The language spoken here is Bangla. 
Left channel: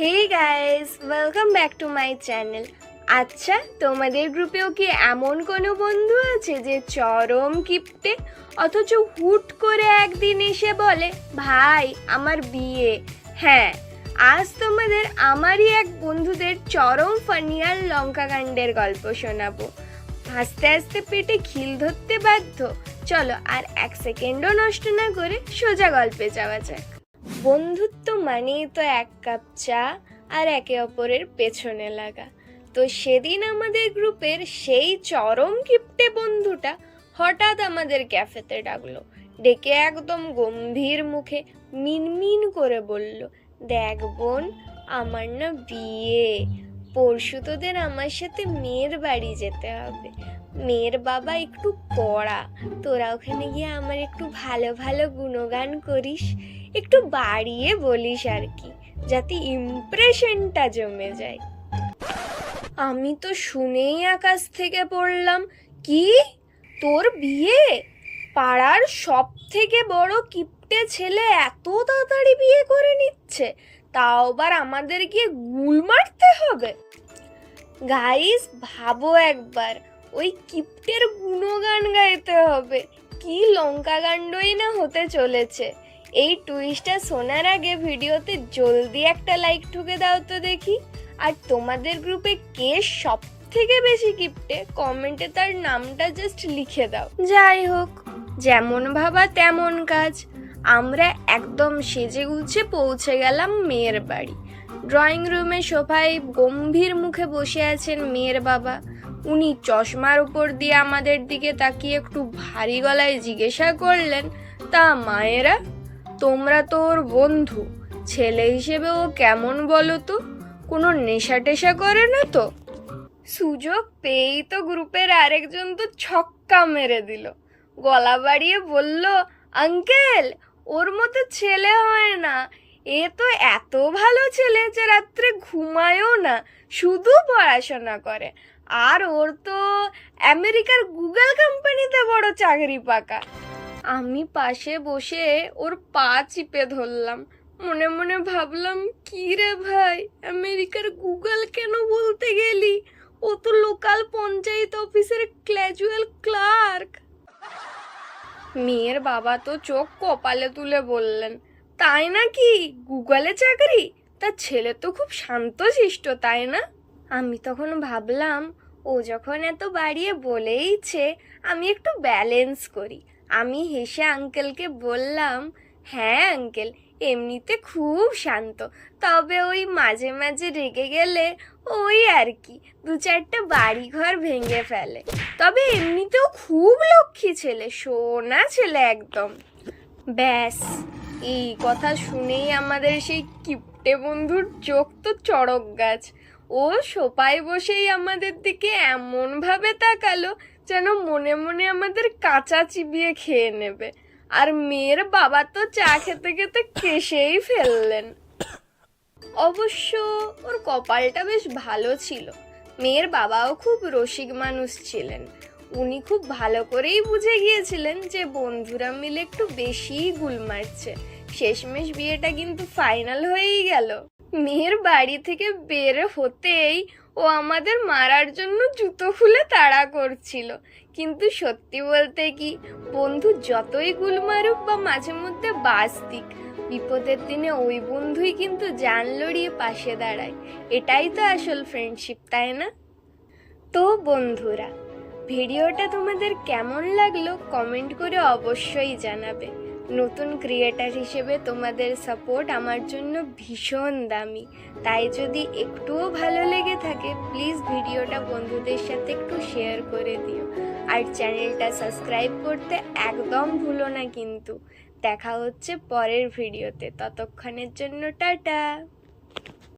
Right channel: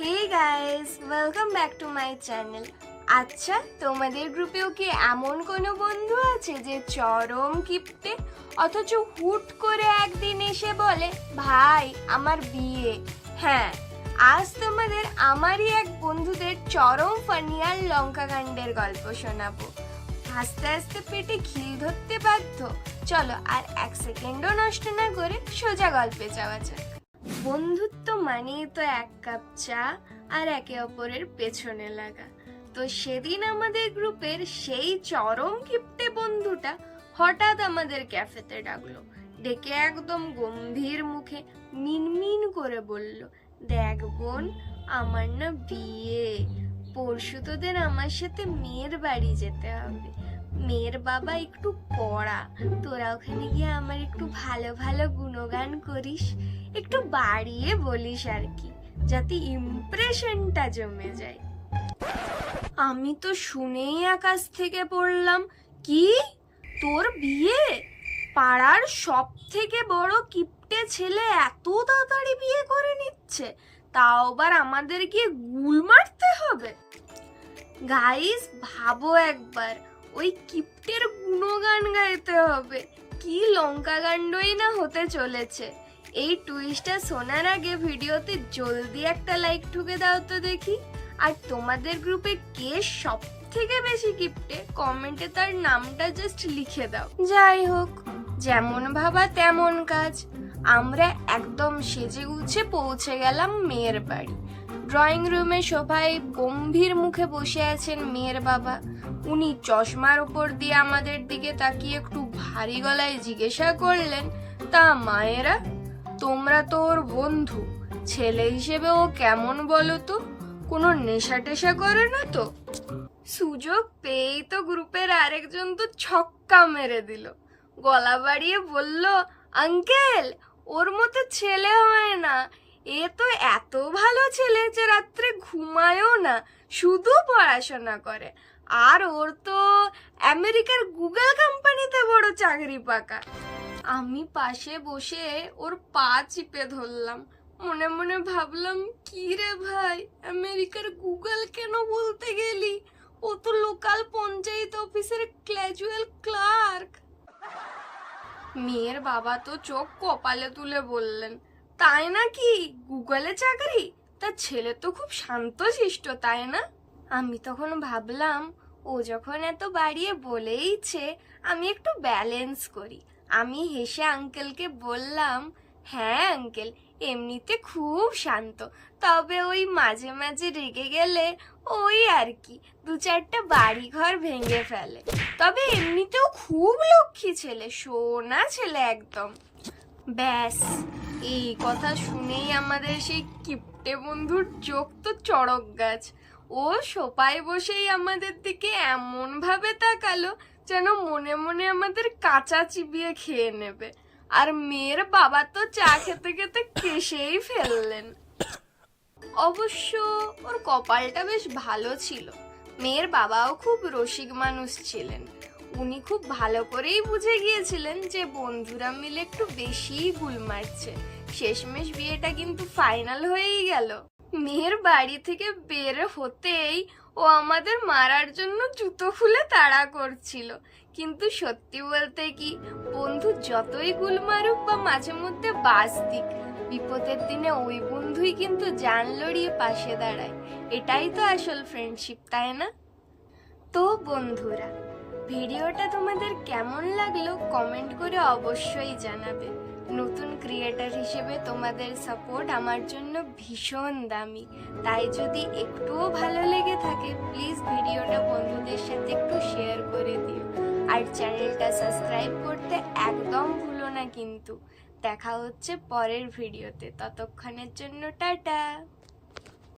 Hey guys, welcome back to my channel. আচ্ছা, তোমাদের গ্রুপেও কি এমন কোনো বন্ধু আছে যে চরম কিপটে, অথচ হুট করে একদিন এসে বলে ভাই আমার বিয়ে? হ্যাঁ, আজ তোমাদের আমারই এক বন্ধুদের চরম ফানি আর লঙ্কাকাণ্ডের গল্প শোনাবো। হাসতে হাসতে পেটে খিল ধরতে বাধ্য। চলো আর এক সেকেন্ডও নষ্ট না করে সোজা গল্পে যাওয়া যায়। বন্ধুত্ব মানেই তো এক কাপ চা আর একে অপরের পেছনে লাগা। তো সেদিন আমাদের গ্রুপের সেই চরম কিপটে বন্ধুটা হঠাৎ আমাদের ক্যাফেতে ডাকলো। ডেকে একদম গম্ভীর মুখে মিনমিন করে বলল, দেখ বোন, আমার না বিয়ে, পরশু তোদের আমার সাথে মেয়ের বাড়ি যেতে হবে। মেয়ের বাবা একটু কড়া, তোরা ওখানে গিয়ে আমার একটু ভালো ভালো গুণগান করিস, একটু বাড়িয়ে বলিস আর কি, যাতে ইমপ্রেশনটা জমে যায়। আমি তো শুনেই আকাশ থেকে পড়লাম, কি তোর বিয়ে? পাড়ার সব থেকে বড় কিপটে ছেলে এত তাড়াতাড়ি বিয়ে করে নিচ্ছে, তাও আবার আমাদের গিয়ে গুল মারতে হবে? গাইস ভাবো একবার, ওই কিপ্টের গুণগান গাইতে হবে, কি লঙ্কাকাণ্ডই না হতে চলেছে। এই টুইস্টটা শোনার আগে ভিডিওতে জলদি একটা লাইক ঠুকে দাও তো দেখি। আর তোমাদের গ্রুপে কে সব থেকে বেশি কিপ্টে কমেন্টে তার নামটা জাস্ট লিখে দাও। যাই হোক, যেমন ভাবা তেমন কাজ। আমরা একদম সেজে গুছে পৌঁছে গেলাম মেয়ের বাড়ি। ড্রয়িং রুমে সোফায় গম্ভীর মুখে বসে আছেন মেয়ের বাবা। উনি চশমার উপর দিয়ে আমাদের দিকে তাকিয়ে একটু ভারী গলায় জিজ্ঞাসা করলেন, তা মায়েরা, তোমরা তো ওর বন্ধু, ছেলে হিসেবে ও কেমন বলো তো? কোনো নেশা টেশা করে না তো? সুযোগ পেয়েই তো গ্রুপের আরেকজন তো ছক্কা মেরে দিল, গলা বাড়িয়ে বলল, আঙ্কেল, ওর মতো ছেলে হয় না। এ তো এত ভালো ছেলে যে রাত্রে ঘুমায়ও না, শুধু পড়াশোনা করে। আর ওর তো আমেরিকার গুগল কোম্পানিতে বড় চাকরি পাকা। আমি পাশে বসে ওর পা চিপে ধরলাম, মনে মনে ভাবলাম, কি রে ভাই, আমেরিকার গুগল কেন বলতে গেলি? ও তো লোকাল পঞ্চায়েত অফিসের ক্যাজুয়াল ক্লার্ক। মেয়ের বাবা তো চোখ কপালে তুলে বললেন, তাই নাকি? গুগলে চাকরি? তার ছেলে তো খুব শান্তশিষ্ট, তাই না? আমি তখন ভাবলাম, ও যখন এত বাড়িয়ে বলেইছে, আমি একটু ব্যালেন্স করি। আমি হেসে আঙ্কেলকে বললাম, হ্যাঁ আঙ্কেল, এমনিতে খুব শান্ত, তবে ওই মাঝে মাঝে রেগে গেলে ওই আর কি, দু চারটা বাড়ি ঘর ভেঙে ফেলে। তবে এমনিতেও খুব লক্ষ্মী ছেলে, সোনা ছেলে একদম। ব্যাস, এই কথা শুনেই আমাদের সেই কিপটে বন্ধুর চোখ তো চড়ক গাছ। ও সোফায় বসেই আমাদের দিকে এমন ভাবে তাকালো যেন মনে মনে আমাদের কাঁচা চিবিয়ে খেয়ে নেবে। আর মেয়ের বাবা তো চা খেতে খেতে কেশেই ফেললেন। অবশ্য ওর কপালটা বেশ ভালো ছিল, মেয়ের বাবাও খুব রসিক মানুষ ছিলেন। উনি খুব ভালো করেই বুঝে গিয়েছিলেন যে বন্ধুরা মিলে একটু বেশিই গুল মারছে। শেষমেশ বিয়েটা কিন্তু ফাইনাল হয়েই গেল। মেয়ের বাড়ি থেকে বের হতেই ও আমাদের মারার জন্য জুতো খুলে তাড়া করছিল। কিন্তু সত্যি বলতে কি, বন্ধু যতই গুল মারুক বা মাঝে মধ্যে বাস দিক, বিপদের দিনে ওই বন্ধুই কিন্তু জান লড়িয়ে পাশে দাঁড়ায়। এটাই তো আসল ফ্রেন্ডশিপ, তাই না? তো বন্ধুরা, ভিডিওটা তোমাদের কেমন লাগলো কমেন্ট করে অবশ্যই জানাবে। নতুন ক্রিয়েটার হিসেবে তোমাদের সাপোর্ট আমার জন্য ভীষণ দামি, তাই যদি একটুও ভালো লেগে থাকে প্লিজ ভিডিওটা বন্ধুদের সাথে একটু শেয়ার করে দিও। আর চ্যানেলটা সাবস্ক্রাইব করতে একদম ভুলো না কিন্তু। দেখা হচ্ছে পরের ভিডিওতে, ততক্ষণের জন্য টাটা।